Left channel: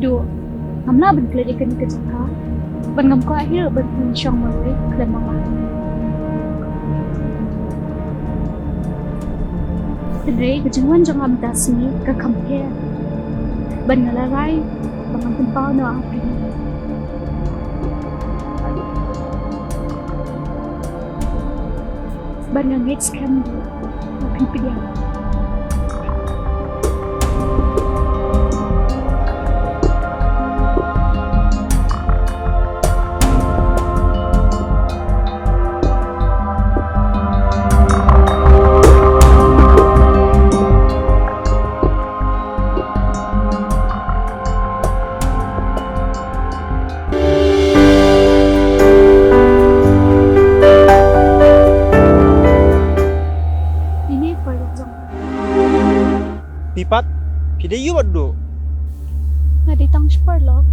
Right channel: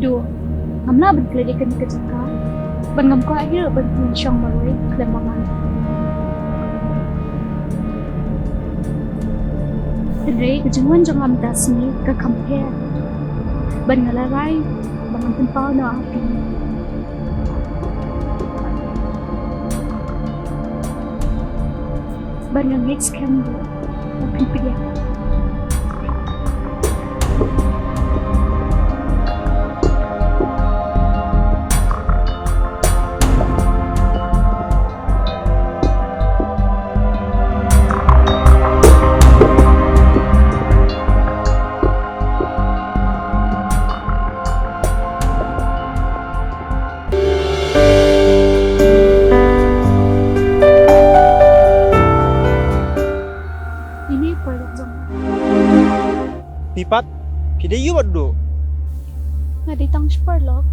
Dua, ngamla ban keladikan ke jaka, ban ngam ko akhir ban syang maloi klemangan. Andre kejenguan jangan dasmi ke compare. Ban ngalarai, bangan tempau no api. Ban ngangit scam dia, api piang. Ini koyok jangan. Pipat, pide yu badu. Ngaditang spar log.